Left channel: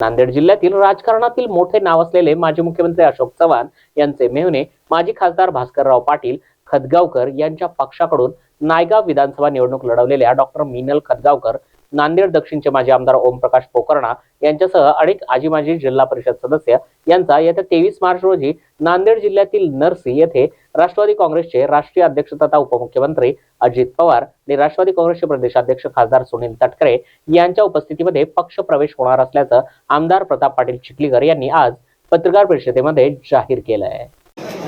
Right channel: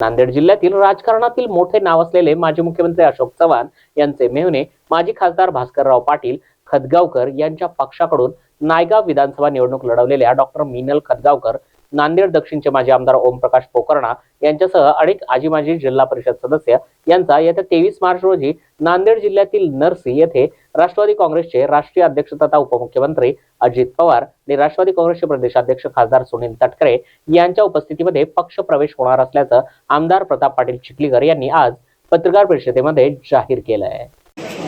नांदेड जिल्ह्यातील राजकारणातील मोठे नाव असलेले माजी मुख्यमंत्री अशोक चव्हाण यांचे मेहुणे माजी खासदार भास्करराव पाटील खदगावकर यांच्या पक्षाकडून नायगाव विधानसभा निवडणूक लढवलेल्या डॉक्टर मिनल खदगावकर नांदेड दक्षिणचे माजी आमदार ओमप्रकाश पोकर्णा यांच्यासह अनेक आजी माजी जिल्हा परिषद सदस्य यांचा येत्या तेवीस मार्च रोजी नांदेड जिल्ह्यातील नरसी येथे राष्ट्रवादी काँग्रेसचे राष्ट्रीय अध्यक्ष तथा उपमुख्यमंत्री अजित पवार आणि राष्ट्रवादी काँग्रेसचे प्रदेशाध्यक्ष खासदार सुनील तटकरे यांच्या उपस्थितीमध्ये पक्ष प्रवेश होणार असल्याचं आमदार प्रताप पाटील चिखलीकर यांनी आज पत्रकार परिषदेमध्ये जाहीर केलं आहे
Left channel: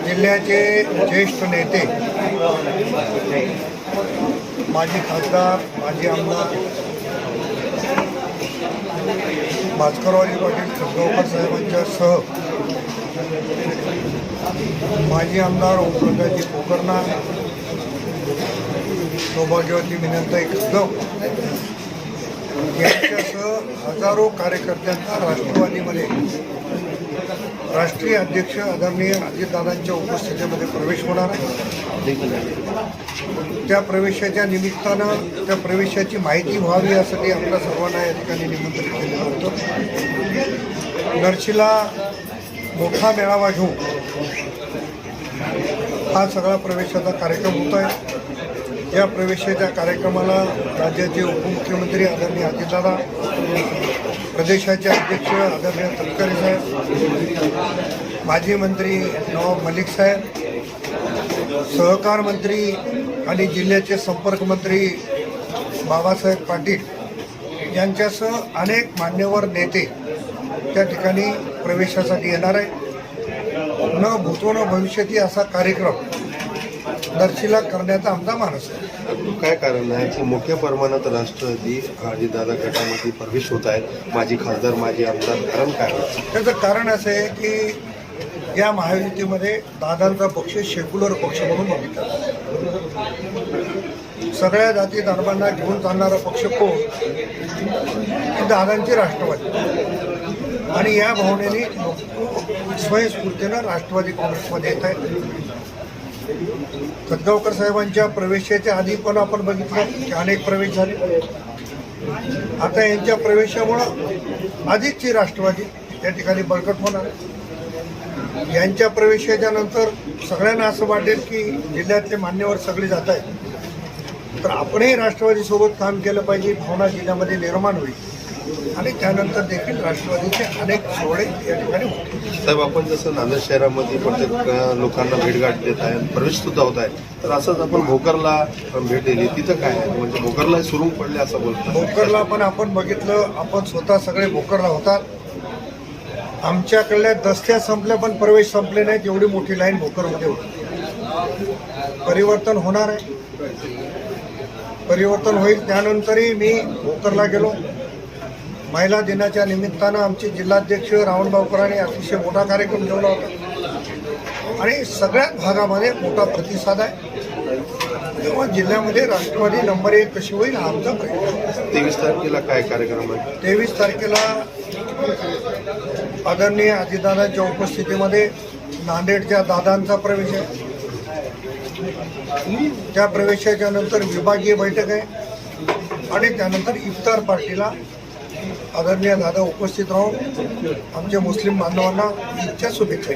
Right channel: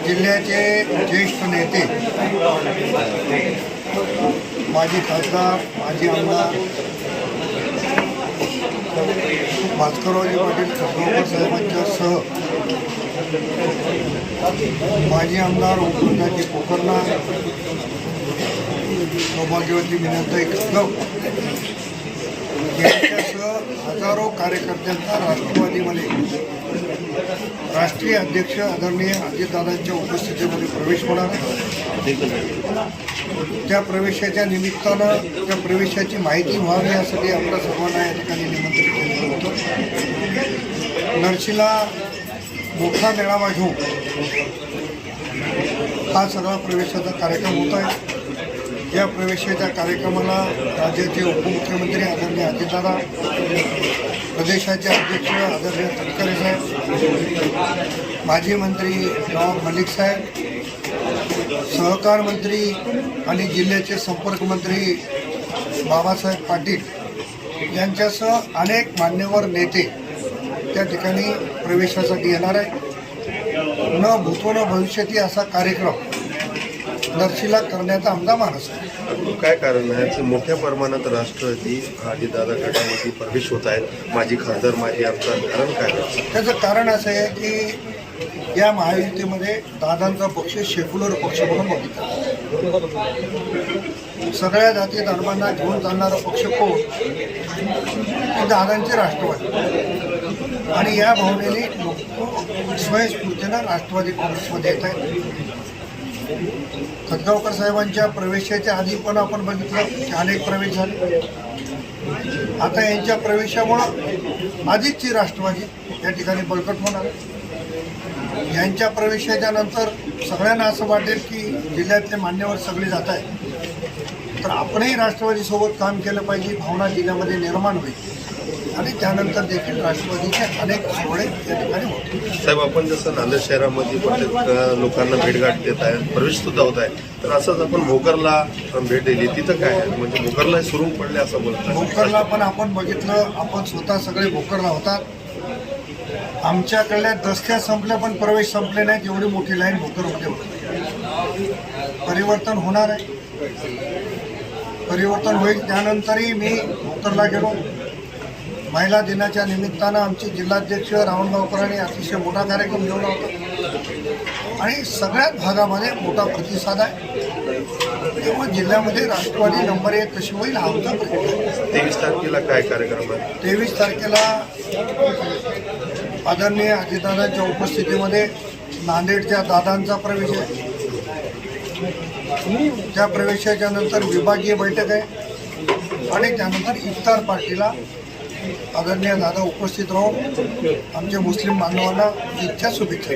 जिल्ह्याचे ज्येष्ठ नेते माजी खासदार माजी आमदार भास्कररावजी पाटील खसगावकर साहेबांच्या सह माजी आमदार ओमप्रकाशजी पोकर्णा सौभाग्यवती विनंताई खसगाव यांच्यासह हजारो कार्यकर्त्यांचा राष्ट्रवादीमध्ये राष्ट्रीय अध्यक्ष आदरणीय अजितदादांच्या उपस्थितीमध्ये प्रवेश होणार आहे. त्या प्रवेशाच्या निमित्तानं त्या प्रवेशाची माहिती व्हावी यासाठी आपल्या सर्वांना या ठिकाणी निमंत्रित केलेलं होतं. नरशीला मोठा मेळावा घेऊन हा सगळा प्रवेशाचा कार्यक्रम होत आहे. या प्रवेशाच्या कार्यक्रमाला राज्याचे उपमुख्यमंत्री आदरणीय अजितदादा प्रदेशाचे अध्यक्ष आदरणीय तटकरे साहेब माजी मंत्री नवाब मलिक साहेब सहकार मंत्री आणि जिल्ह्याचे संपर्क मंत्री बाबासाहेब पाटील यांच्यासह अनेक मान्यवर नेते त्या ठिकाणी प्रवेशासाठी येणार आहे न भूतो न भविष्यती असा कार्यक्रम नरशीला करण्याचा आमचा मानस आहे. काय कारण आहे की मोठ्या प्रमाणात राष्ट्रवादी अजितदादा गटामध्ये प्रवेश होत आहेत? माजी खासदार माजी आमदार कारण काय? त्याचं कारण असं आहे की या महायुतीमध्ये दादांचा पक्ष सेक्युलर पक्ष म्हणून बघितला. सगळ्या जाती धर्मांना घेऊन चालणारा पक्ष कोण? दादांची राष्ट्रवादी. आणि या भावनेने स्वयंस्फूर्तीनं राष्ट्रवादी काँग्रेसमध्ये येत आहेत. खतगावकर साहेबांच्या प्रवेशाच्या आधी पण आपण बघितलं की अनेक प्रवेश झाले. आता यांच्या प्रवेशामुळं आधीची राष्ट्रवादी या ठिकाणी बळकट होणार. यांच्या प्रवेशाच्या नंतर सगळ्यांना असं वाटेल की जिल्ह्यातले मान्यवर सगळे जात आहेत. तर आपणही राष्ट्रवादीसोबत काम केलं पाहिजे भावना जिल्ह्यामध्ये निर्माण होईल. आणि त्यानंतर देखील राष्ट्रवादीचे अनेक सोहळे या ठिकाणी होतील साहेब आपण जसं नांदेड शहरामध्ये प्रत्येक लोकांना भेटगाठ देत आहेत प्रवेश सुद्धा होत आहे तर असंच आपण भोकरला पण भेट दिली. तिथं काय आहे? म्हणजे भोकरला सुरू पडले असं बोलतात. भोकरला पण आपण बघितलं आपण स्वतः सगळे भोकरला होतात. आमच्याकडल्या दस्त्या संपल्या पण प्रवेश संपले नाहीत एवढी मोठी लाईन भोकरमध्ये होती. परिवर्तन होणार आहे. परिवर्तन होईल त्यानंतरही मी भोकरला गेलो. महिला दिनाच्या निमित्तानं आमचे जिल्हाध्यक्ष रावणगावकरांनी अतिशय मोठा कार्यक्रम ठेवला होता. आणि सगळ्याच भागामध्ये मोठा प्रतिसाद आहे. तेव्हा जिल्ह्यामध्ये राष्ट्रवादी नंबर एक कशी होईल हा आमचा प्रयत्न. तेवीस तारखेला काय कार्यक्रम आहे तेवीस तारखेला आदरणीय अजितदादांच्या उपस्थितीमध्ये नांदेडच्या दादांचा प्रवेश आहे. त्या प्रवेशाच्या नंतर विभागीय बैठक आहे. आणि त्यानंतर इफ्तार पार्टीला आदरणीय दादा उपस्थित राहून आमच्या मुस्लिम बांधवांना इच्छा शुभेच्छा